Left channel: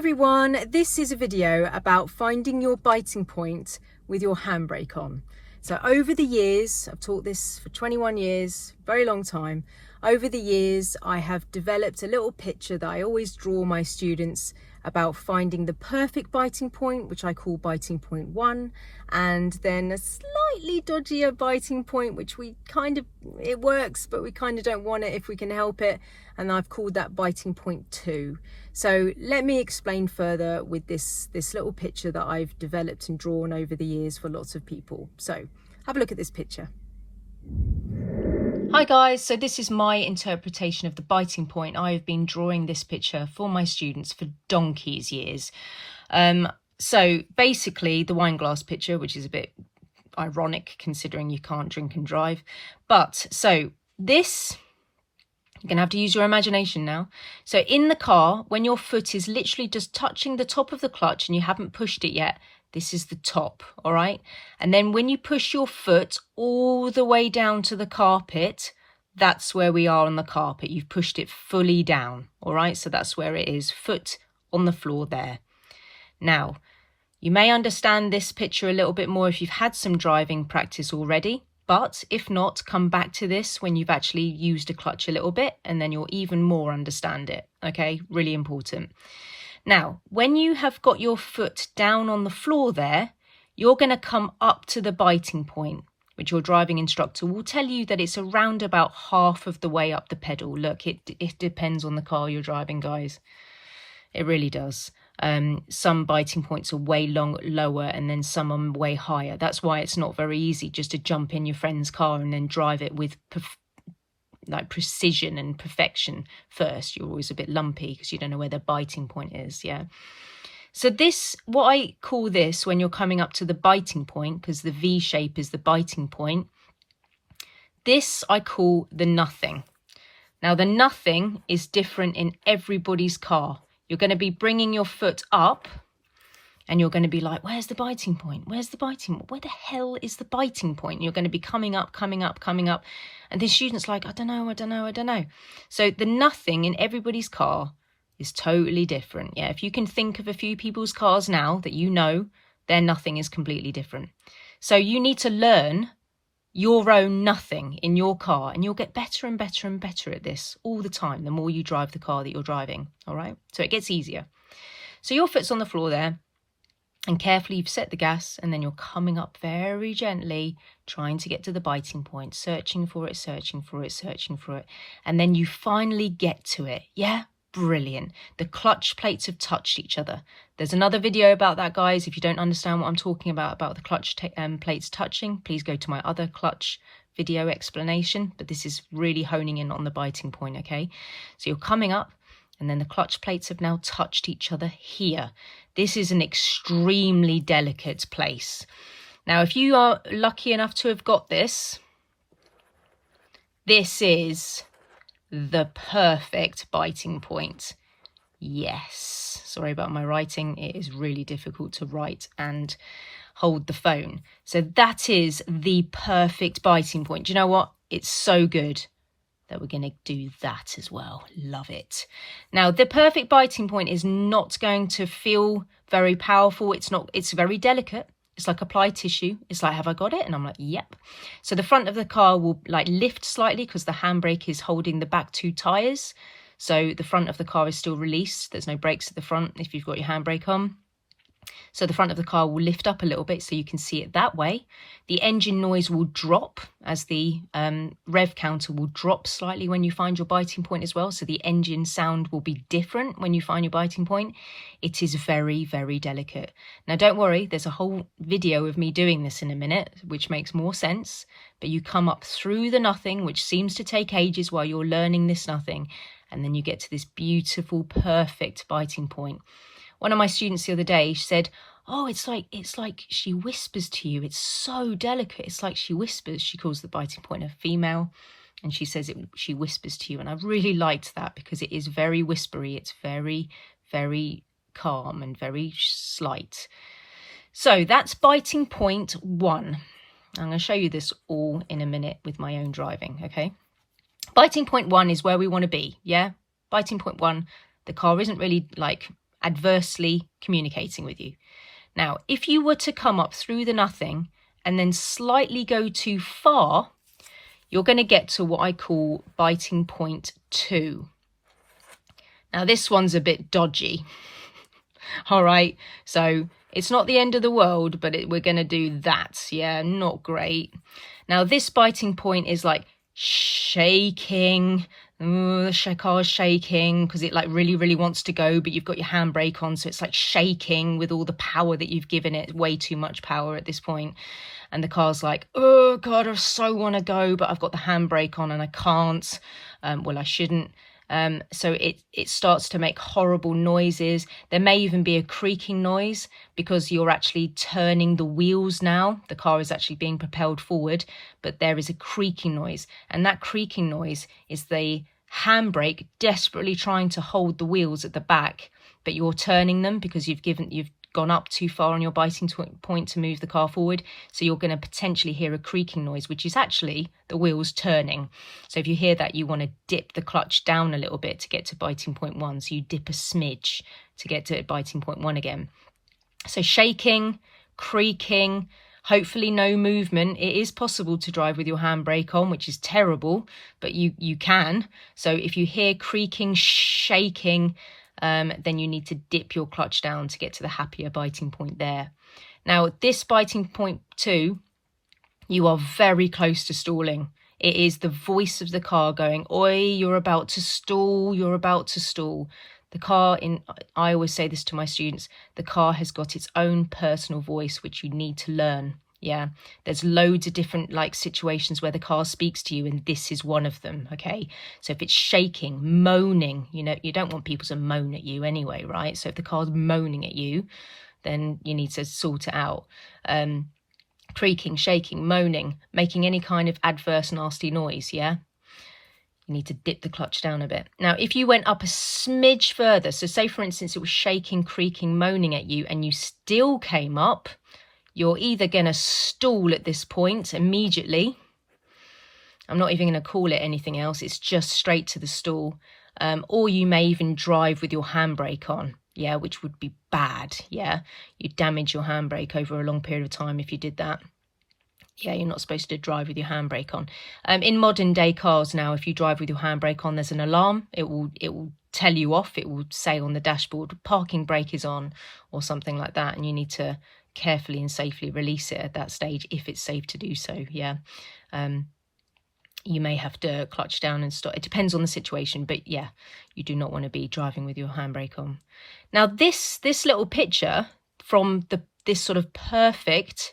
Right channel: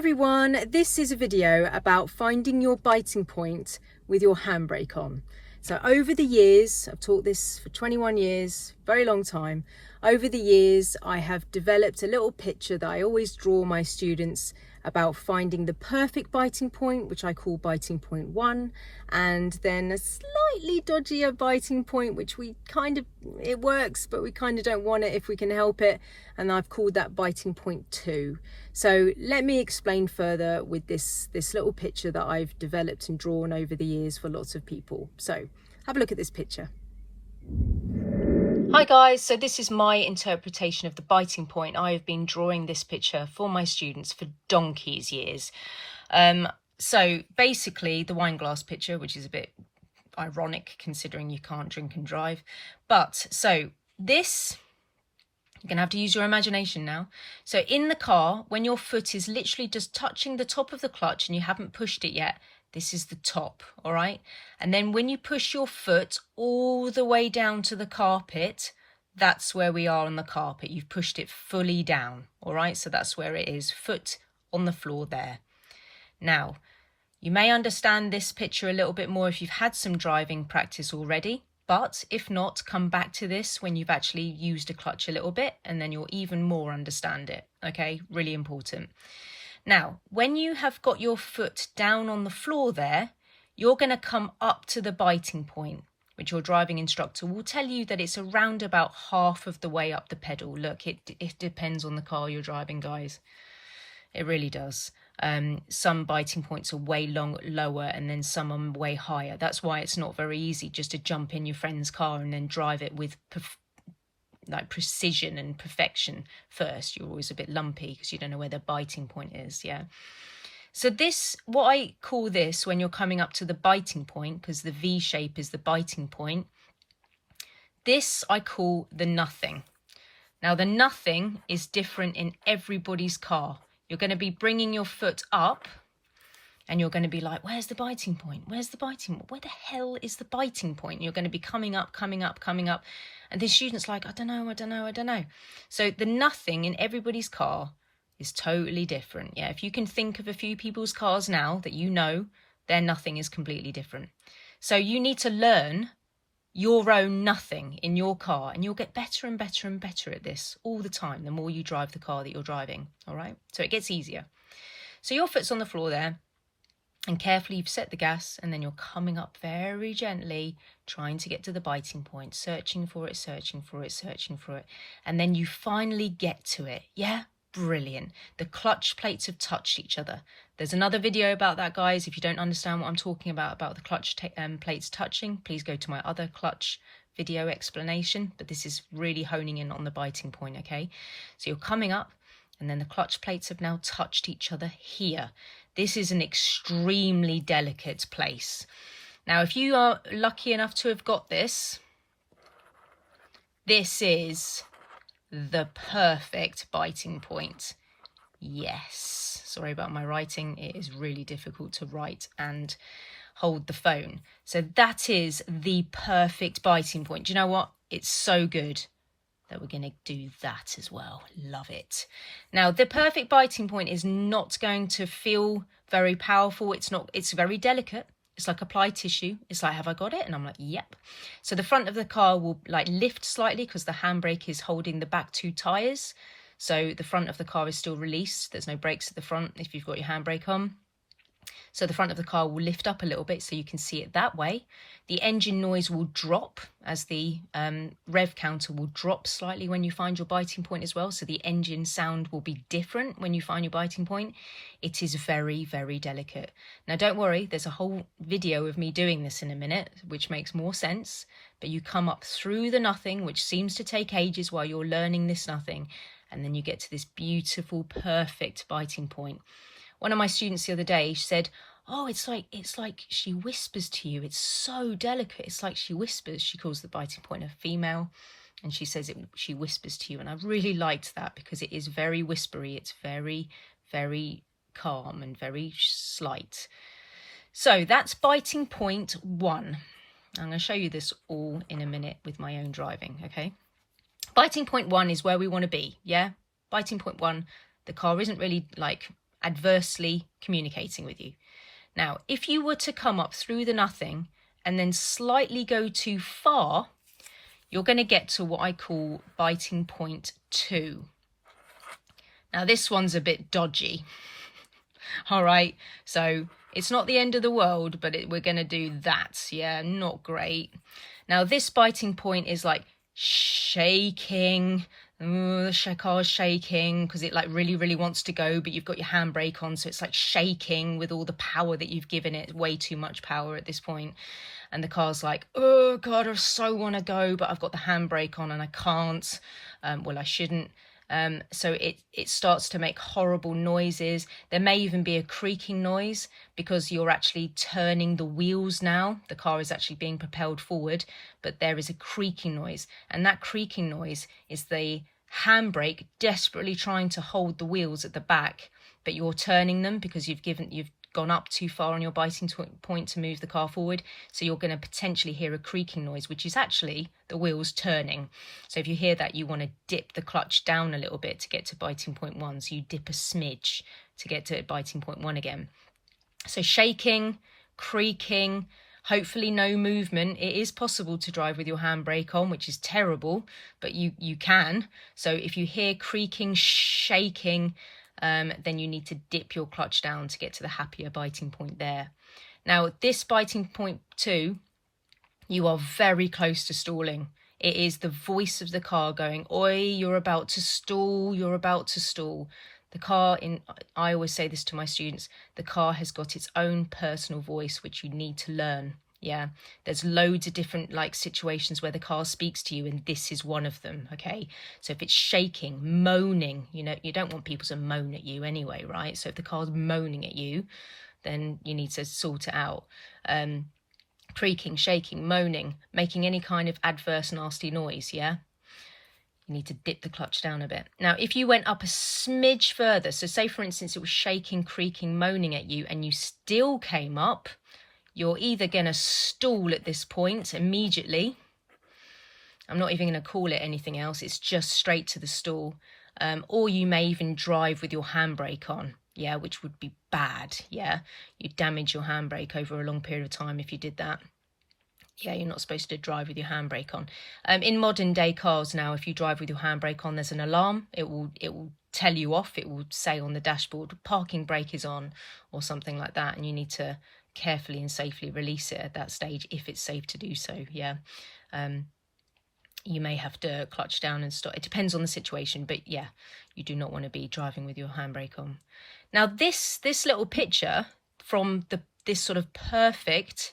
everyone, this is a video about finding your biting point with your handbrake on. So over the years, I've taught this for 21 years, very long time. Over the years, I have developed a little picture that I always draw my students about finding the perfect biting point, which I call biting point 1, and then a slightly dodgier biting point, which it works, but we kind of don't want it if we can help it. And I've called that biting point 2. So let me explain further with this little picture that I've developed and drawn over the years for lots of people. So have a look at this picture. Hi guys, so this is my interpretation of the biting point. I have been drawing this picture for my students for donkey's years. So basically the wine glass picture, which is a bit ironic considering you can't drink and drive. But so this, you're going to have to use your imagination now. So in the car, when your foot is literally just touching the top of the clutch and you haven't pushed it yet, this is the top, all right? And then when you push your foot all the way down to the carpet, that's where we are on the carpet. You've pushed it fully down, all right? So that's where it is, foot on the floor there. Now, you may understand this picture a little bit more if you've had some driving practice already, but if not, come back to this when you've actually used a clutch a little bit, and then you'll even more understand it, okay? Really important. Now, when you have got your foot down on the floor there, you're going to come up to the biting point, which your driving instructor will tell you that it's around about half of the way up the pedal. Look, it depends on the car you're driving, guys. It really does. Some biting points are way lower and then some are way higher. That's why it's not very easy just to jump in your friend's car and then drive it with precision and perfection first. You're always a bit lumpy because you don't know where the biting point is. Yeah. So this, what I call this when you're coming up to the biting point, because the V shape is the biting point, this I call the nothing. Now the nothing is different in everybody's car. You're going to be bringing your foot up and you're going to be like, where's the biting point? Where's the biting point? Where the hell is the biting point? You're going to be coming up. And the student's like, I don't know. So the nothing in everybody's car is totally different. Yeah, if you can think of a few people's cars now that you know, their nothing is completely different. So you need to learn your own nothing in your car, and you'll get better and better and better at this all the time, the more you drive the car that you're driving, all right? So it gets easier. So your foot's on the floor there, and carefully you've set the gas, and then you're coming up very gently, trying to get to the biting point, searching for it, and then you finally get to it. Yeah, brilliant. The clutch plates have touched each other. There's another video about that, guys. If you don't understand what I'm talking about the clutch plates touching, please go to my other clutch video explanation, but this is really honing in on the biting point, okay? So you're coming up, and then the clutch plates have now touched each other here. This is an extremely delicate place. Now, if you are lucky enough to have got this, this is the perfect biting point. Yes. Sorry about my writing. It is really difficult to write and hold the phone. So that is the perfect biting point. Do you know what? It's so good that we're going to do that as well. Love it. Now, the perfect biting point is not going to feel very powerful. It's very delicate. It's like applied tissue. It's like, have I got it? And I'm like, yep. So the front of the car will like lift slightly because the handbrake is holding the back 2 tyres. So the front of the car is still released. There's no brakes at the front if you've got your handbrake on. So the front of the car will lift up a little bit so you can see it that way. The engine noise will drop as the rev counter will drop slightly when you find your biting point as well. So the engine sound will be different when you find your biting point. It is very, very delicate. Now, don't worry, there's a whole video of me doing this in a minute, which makes more sense. But you come up through the nothing, which seems to take ages while you're learning this nothing. And then you get to this beautiful, perfect biting point. One of my students the other day said, oh, it's like she whispers to you. It's so delicate. It's like she whispers. She calls the biting point a female, and she says she whispers to you. And I really liked that because it is very whispery. It's very, very calm and very slight. So that's biting point 1. I'm going to show you this all in a minute with my own driving, okay? Biting point 1 is where we want to be, yeah? Biting point 1, the car isn't really like adversely communicating with you. Now, if you were to come up through the nothing and then slightly go too far, you're going to get to what I call biting point 2. Now, this one's a bit dodgy. All right, so it's not the end of the world, but we're going to do that. Yeah, not great. Now, this biting point is like shaking. Ooh, the car's shaking because it like really wants to go, but you've got your handbrake on, so it's like shaking with all the power that you've given it, way too much power at this point. And the car's like, oh God, I so want to go, but I've got the handbrake on and I can't. Well, I shouldn't. So it starts to make horrible noises. There may even be a creaking noise because you're actually turning the wheels now. The car is actually being propelled forward, but there is a creaking noise. And that creaking noise is the handbrake desperately trying to hold the wheels at the back, but you're turning them because you've gone up too far on your biting point to move the car forward. So you're going to potentially hear a creaking noise, which is actually the wheels turning. So if you hear that, you want to dip the clutch down a little bit to get to biting point 1. So you dip a smidge to get to biting point 1 again. So shaking, creaking, hopefully no movement. It is possible to drive with your handbrake on, which is terrible, but you can. So if you hear creaking, shaking, then you need to dip your clutch down to get to the happier biting point there. Now, this biting point 2, you are very close to stalling. It is the voice of the car going, oi, you're about to stall, you're about to stall. The car, I always say this to my students, the car has got its own personal voice, which you need to learn. Yeah, there's loads of different situations where the car speaks to you, and this is one of them. Okay, so if it's shaking, moaning, you don't want people to moan at you anyway, right? So if the car's moaning at you, then you need to sort it out. Creaking, shaking, moaning, making any kind of adverse nasty noise. Yeah, you need to dip the clutch down a bit. Now, if you went up a smidge further, so say for instance it was shaking, creaking, moaning at you, and you still came up, you're either going to stall at this point immediately. I'm not even going to call it anything else. It's just straight to the stall. Or you may even drive with your handbrake on. Yeah, which would be bad. Yeah, you'd damage your handbrake over a long period of time if you did that. Yeah, you're not supposed to drive with your handbrake on. In modern day cars now, if you drive with your handbrake on, there's an alarm. It will tell you off. It will say on the dashboard, parking brake is on, or something like that. And you need to carefully and safely release it at that stage if it's safe to do so. Yeah, you may have to clutch down and stop. It depends on the situation, but yeah, you do not want to be driving with your handbrake on. Now this little picture from this sort of perfect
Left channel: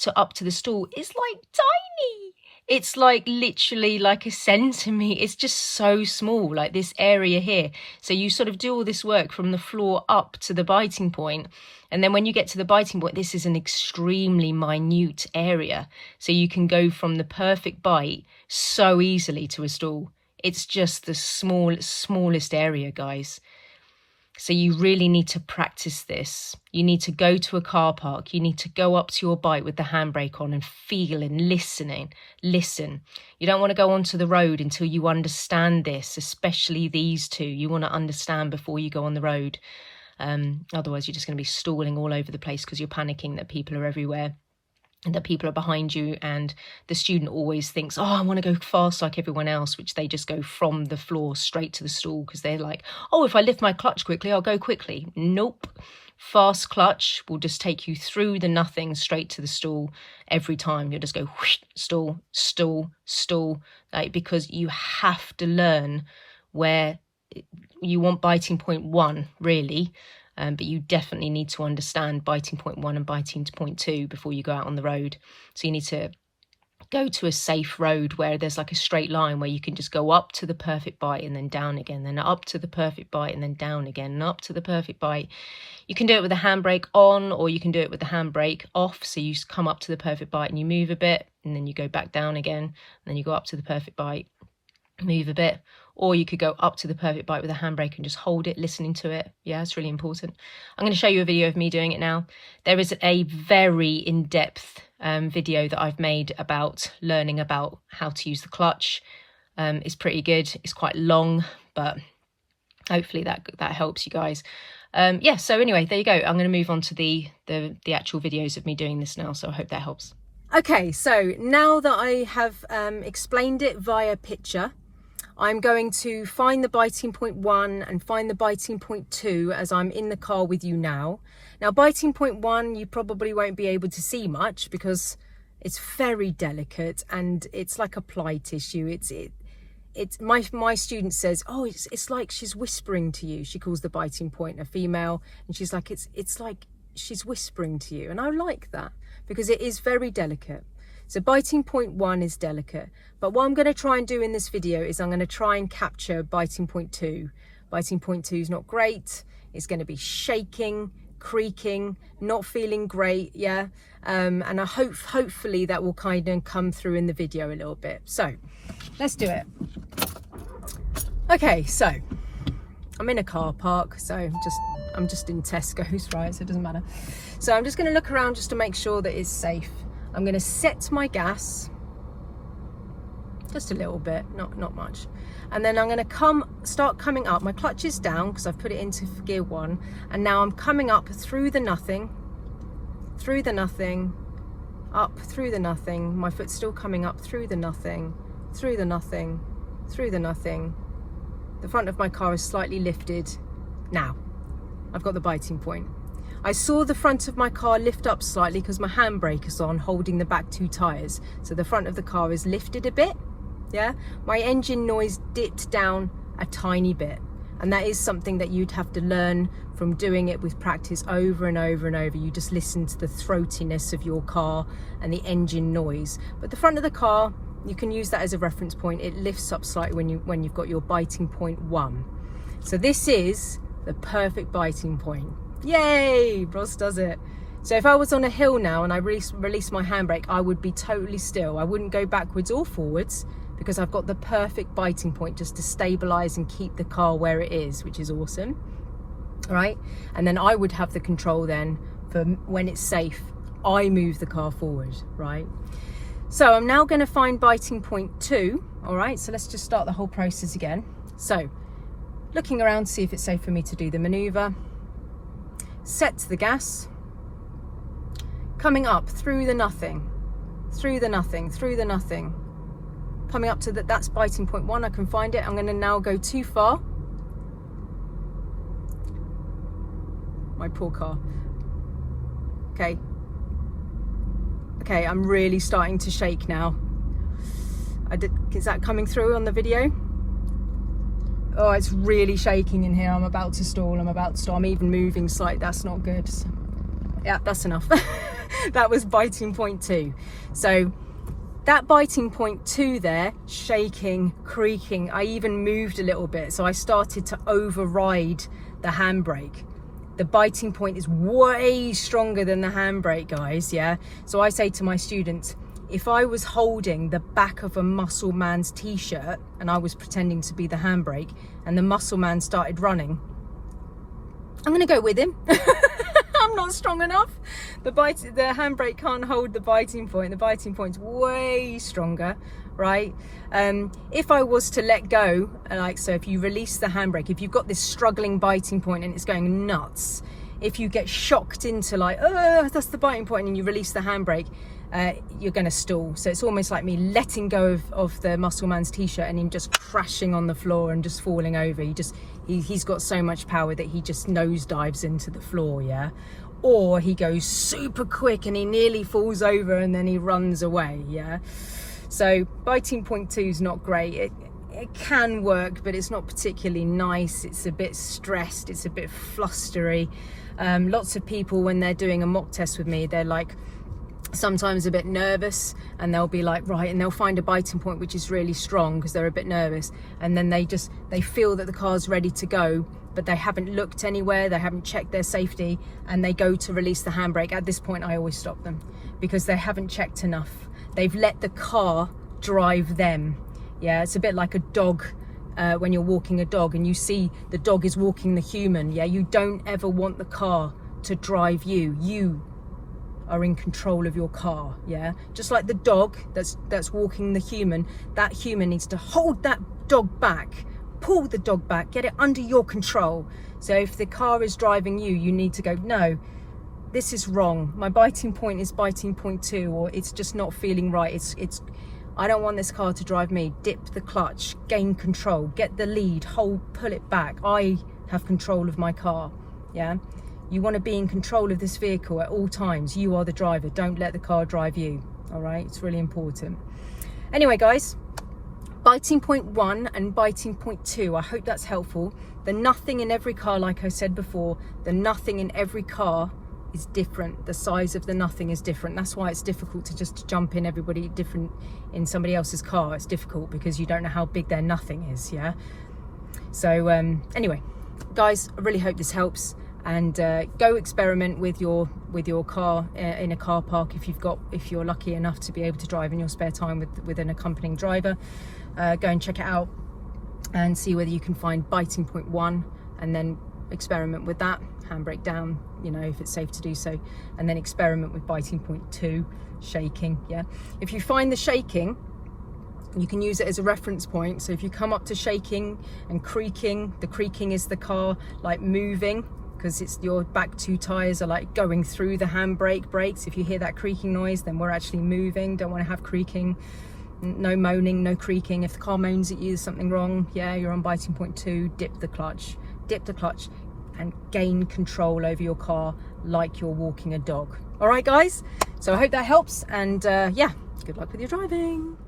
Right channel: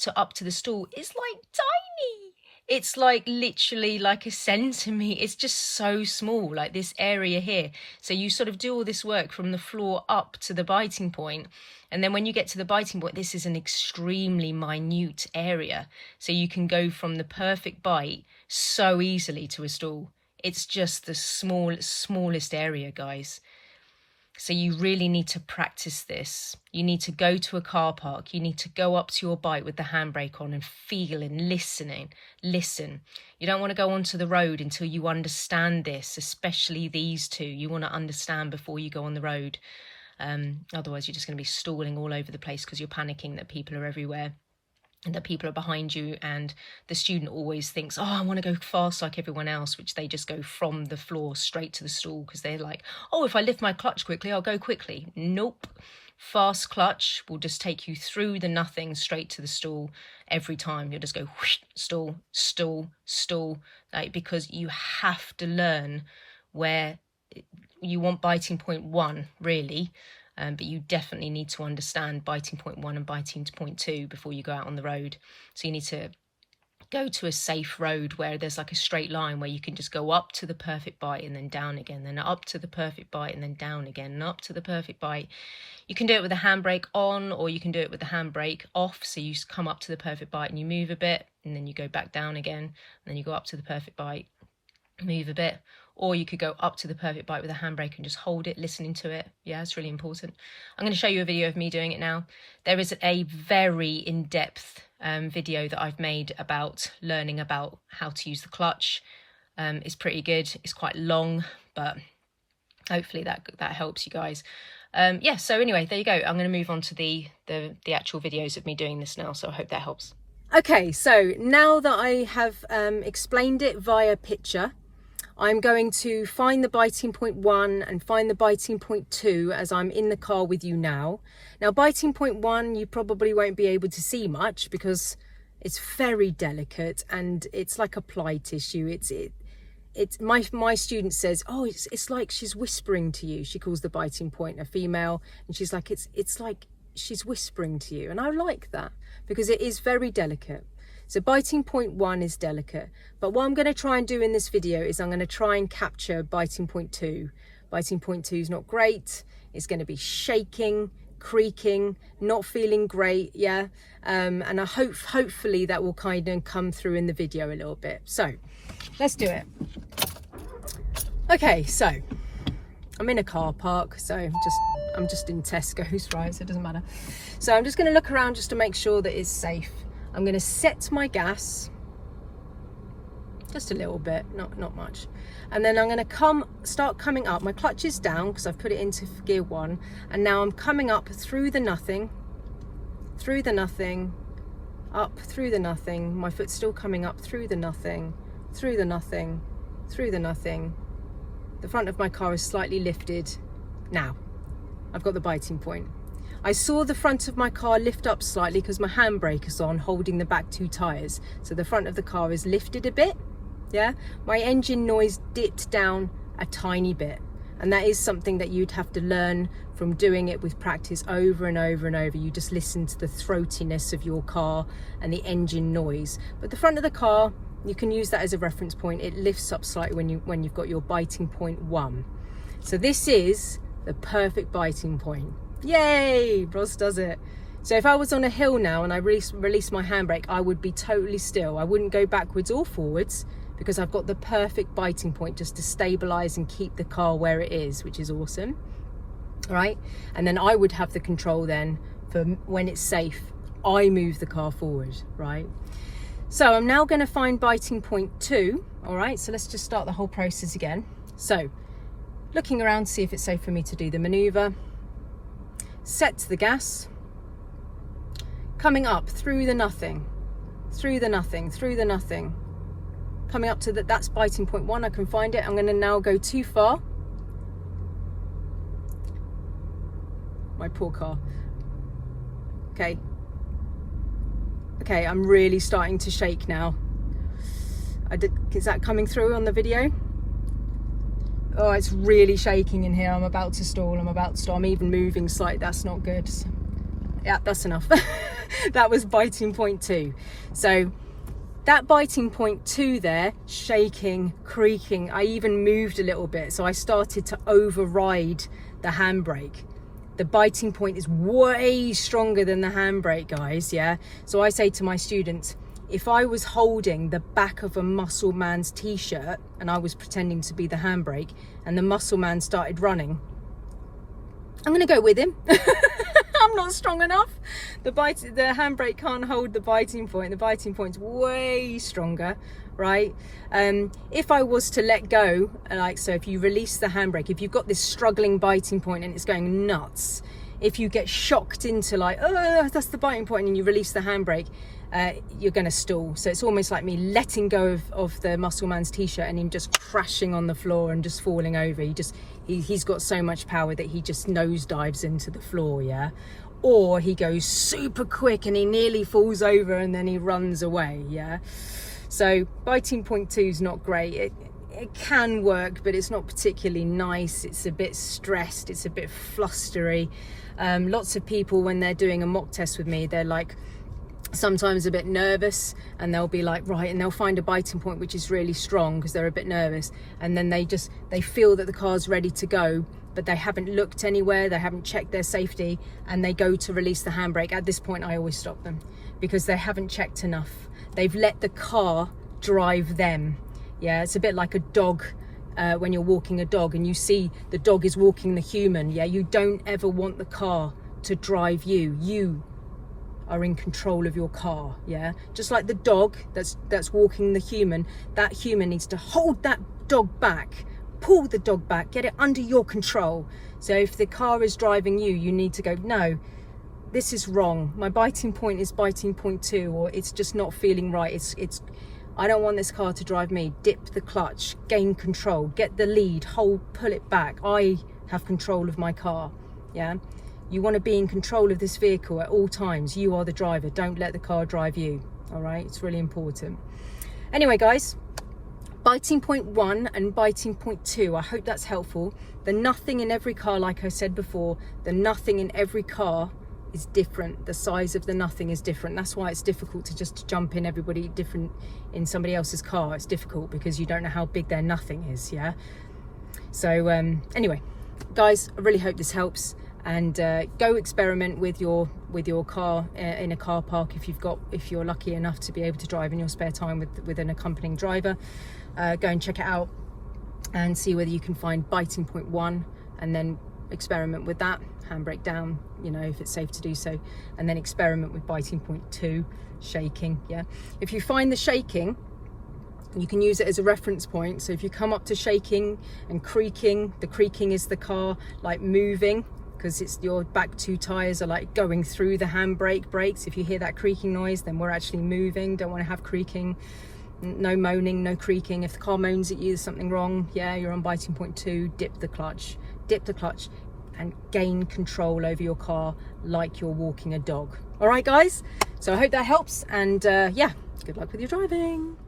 to up to the stall is like tiny. It's like literally like a centimetre. It's just so small, like this area here. So you sort of do all this work from the floor up to the biting point. And then when you get to the biting point, this is an extremely minute area. So you can go from the perfect bite so easily to a stall. It's just the smallest area, guys. So you really need to practice this. You need to go to a car park. You need to go up to your bike with the handbrake on and feel and listen. You don't want to go onto the road until you understand this, especially these two. You want to understand before you go on the road. Otherwise, you're just going to be stalling all over the place because you're panicking that people are everywhere and that people are behind you, and the student always thinks, oh, I want to go fast like everyone else, which they just go from the floor straight to the stall because they're like, oh, if I lift my clutch quickly, I'll go quickly. Nope. Fast clutch will just take you through the nothing straight to the stall every time. You'll just go whoosh, stall, stall, stall, because you have to learn where you want biting point 1, really. But you definitely need to understand biting point 1 and biting point 2 before you go out on the road. So you need to go to a safe road where there's like a straight line where you can just go up to the perfect bite and then down again, then up to the perfect bite and then down again, and up to the perfect bite. You can do it with the handbrake on, or you can do it with the handbrake off. So you come up to the perfect bite and you move a bit, and then you go back down again, and then you go up to the perfect bite, move a bit. Or you could go up to the perfect bite with a handbrake and just hold it, listening to it. Yeah, it's really important. I'm going to show you a video of me doing it now. There is a very in-depth video that I've made about learning about how to use the clutch. It's pretty good. It's quite long, but hopefully that helps you guys. Yeah, so anyway, there you go. I'm going to move on to the actual videos of me doing this now, so I hope that helps. Okay, so now that I have explained it via picture, I'm going to find the biting point 1 and find the biting point 2 as I'm in the car with you now. Now, biting point 1, you probably won't be able to see much because it's very delicate and it's like a plight issue. It's my student says, oh, it's like she's whispering to you. She calls the biting point a female, and she's like, it's like she's whispering to you. And I like that because it is very delicate. So biting point 1 is delicate, but what I'm going to try and do in this video is I'm going to try and capture biting point 2. Biting point 2 is not great. It's going to be shaking, creaking, not feeling great, yeah. And I hopefully that will kind of come through in the video a little bit. So let's do it. Okay, so I'm in a car park, so I'm just in Tesco's, right? So it doesn't matter. So I'm just going to look around just to make sure that it's safe. I'm going to set my gas just a little bit, not much, and then I'm going to start coming up. My clutch is down because I've put it into gear 1, and now I'm coming up through the nothing, up through the nothing. My foot's still coming up through the nothing, through the nothing, through the nothing. The front of my car is slightly lifted. Now I've got the biting point. I saw the front of my car lift up slightly because my handbrake is on, holding the back 2 tyres. So the front of the car is lifted a bit, yeah? My engine noise dipped down a tiny bit. And that is something that you'd have to learn from doing it with practice over and over and over. You just listen to the throatiness of your car and the engine noise. But the front of the car, you can use that as a reference point. It lifts up slightly when you've got your biting point 1. So this is the perfect biting point. Yay, Ross does it. So if I was on a hill now and I release my handbrake, I would be totally still. I wouldn't go backwards or forwards because I've got the perfect biting point just to stabilize and keep the car where it is, which is awesome. All right, and then I would have the control then for when it's safe, I move the car forward, right? So I'm now going to find biting point 2. All right, so let's just start the whole process again. So looking around to see if it's safe for me to do the maneuver. Set the gas, coming up through the nothing, through the nothing, through the nothing, coming up to that's biting point 1. I can find it. I'm going to now go too far. My poor car. Okay, I'm really starting to shake now. Is that coming through on the video? Oh, it's really shaking in here. I'm about to stall. I'm even moving slightly. That's not good. Yeah, that's enough. That was biting point 2. So that biting point 2 there, shaking, creaking, I even moved a little bit. So I started to override the handbrake. The biting point is way stronger than the handbrake, guys, yeah? So I say to my students, if I was holding the back of a muscle man's t-shirt and I was pretending to be the handbrake and the muscle man started running, I'm going to go with him. I'm not strong enough. The handbrake can't hold the biting point. The biting point's way stronger, right? If I was to let go, like so, if you release the handbrake, if you've got this struggling biting point and it's going nuts, if you get shocked into like, oh, that's the biting point, and you release the handbrake, you're going to stall. So it's almost like me letting go of the muscle man's t-shirt and him just crashing on the floor and just falling over. He's got so much power that he just nosedives into the floor, yeah? Or he goes super quick and he nearly falls over and then he runs away, yeah? So biting point 2 is not great. It can work, but it's not particularly nice. It's a bit stressed. It's a bit flustery. Lots of people, when they're doing a mock test with me, they're like sometimes a bit nervous, and they'll be like, right, and they'll find a biting point which is really strong because they're a bit nervous, and then they feel that the car's ready to go, but they haven't looked anywhere, they haven't checked their safety, and they go to release the handbrake. At this point, I always stop them because they haven't checked enough. They've let the car drive them. Yeah, it's a bit like a dog. When you're walking a dog and you see the dog is walking the human, yeah, you don't ever want the car to drive you. You are in control of your car, yeah? Just like the dog that's walking the human, that human needs to hold that dog back pull the dog back, get it under your control. So if the car is driving you, you need to go, no, this is wrong. My biting point is biting point 2, or it's just not feeling right. It's I don't want this car to drive me. Dip the clutch, gain control, get the lead, hold, pull it back. I have control of my car, yeah? You want to be in control of this vehicle at all times. You are the driver. Don't let the car drive you, all right? It's really important. Anyway, guys, biting point 1 and biting point 2, I hope that's helpful. The nothing in every car, like I said before, the nothing in every car is different. The size of the nothing is different. That's why it's difficult to just jump in everybody different in somebody else's car. It's difficult because you don't know how big their nothing is, yeah? So anyway, guys, I really hope this helps, and go experiment with your car in a car park if you're lucky enough to be able to drive in your spare time with an accompanying driver. Go and check it out and see whether you can find biting point 1, and then experiment with that, handbrake down, you know, if it's safe to do so, and then experiment with biting point 2, shaking. Yeah, if you find the shaking, you can use it as a reference point. So if you come up to shaking and creaking, the creaking is the car like moving, because it's your back 2 tires are like going through the handbrake brakes. If you hear that creaking noise, then we're actually moving. Don't want to have creaking. No moaning, no creaking. If the car moans at you, there's something wrong. Yeah, you're on biting point 2. Dip the clutch, and gain control over your car like you're walking a dog. All right, guys, so I hope that helps, and yeah, good luck with your driving.